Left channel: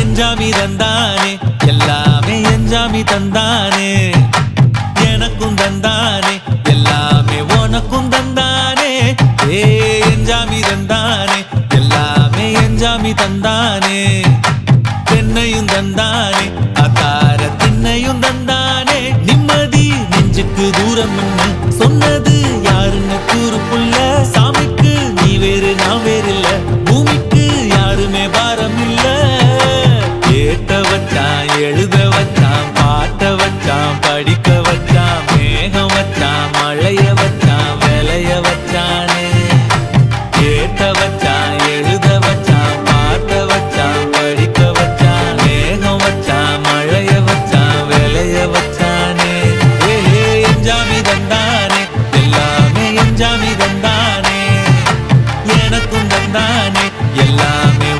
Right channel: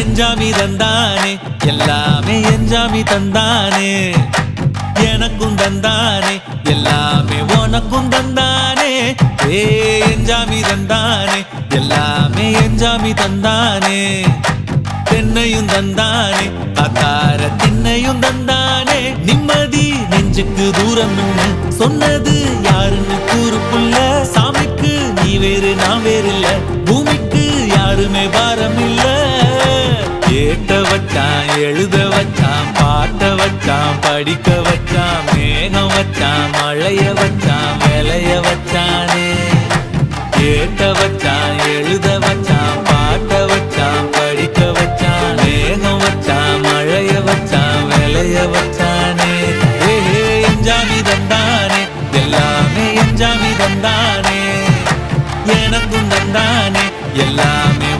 எஞ்சாமி தந்தானே எல்லாமே எஞ்சாமி தந்தானே எனக்கும் தந்தானே எல்லாமே உனக்கும் தந்தானே ஏ எஞ்சாமி தந்தானே எல்லாமே எஞ்சாமி தந்தானே தென்னையும் தந்தானே அத்தார திண்ணையும் தந்தானே நிம்மதி நெஞ்சுக்கு தூரம்னு சொன்னது யாருன்னு கூறு புள்ள சாமிக்கு நீ வேறு நான் வேறு இல்ல பூமிக்கு யாருமே பாரம் இல்ல ஏத்த வச்சான் எழுத வச்சான் பாட்ட வச்சான் படிக்க வச்சான் மேகம் வச்சான் மழைய வச்சான் விளைய வச்சானே ஏத்த வச்சான் எழுத வச்சான் பாட்ட வச்சான் படிக்க வச்சான் மேகம் வச்சான் மழைய வச்சான் விளைய வச்சானே ஏஹே எஞ்சாமி தந்தானே எல்லாமே எஞ்சாமி தந்தானே எனக்கும் தந்தானே எல்லாமே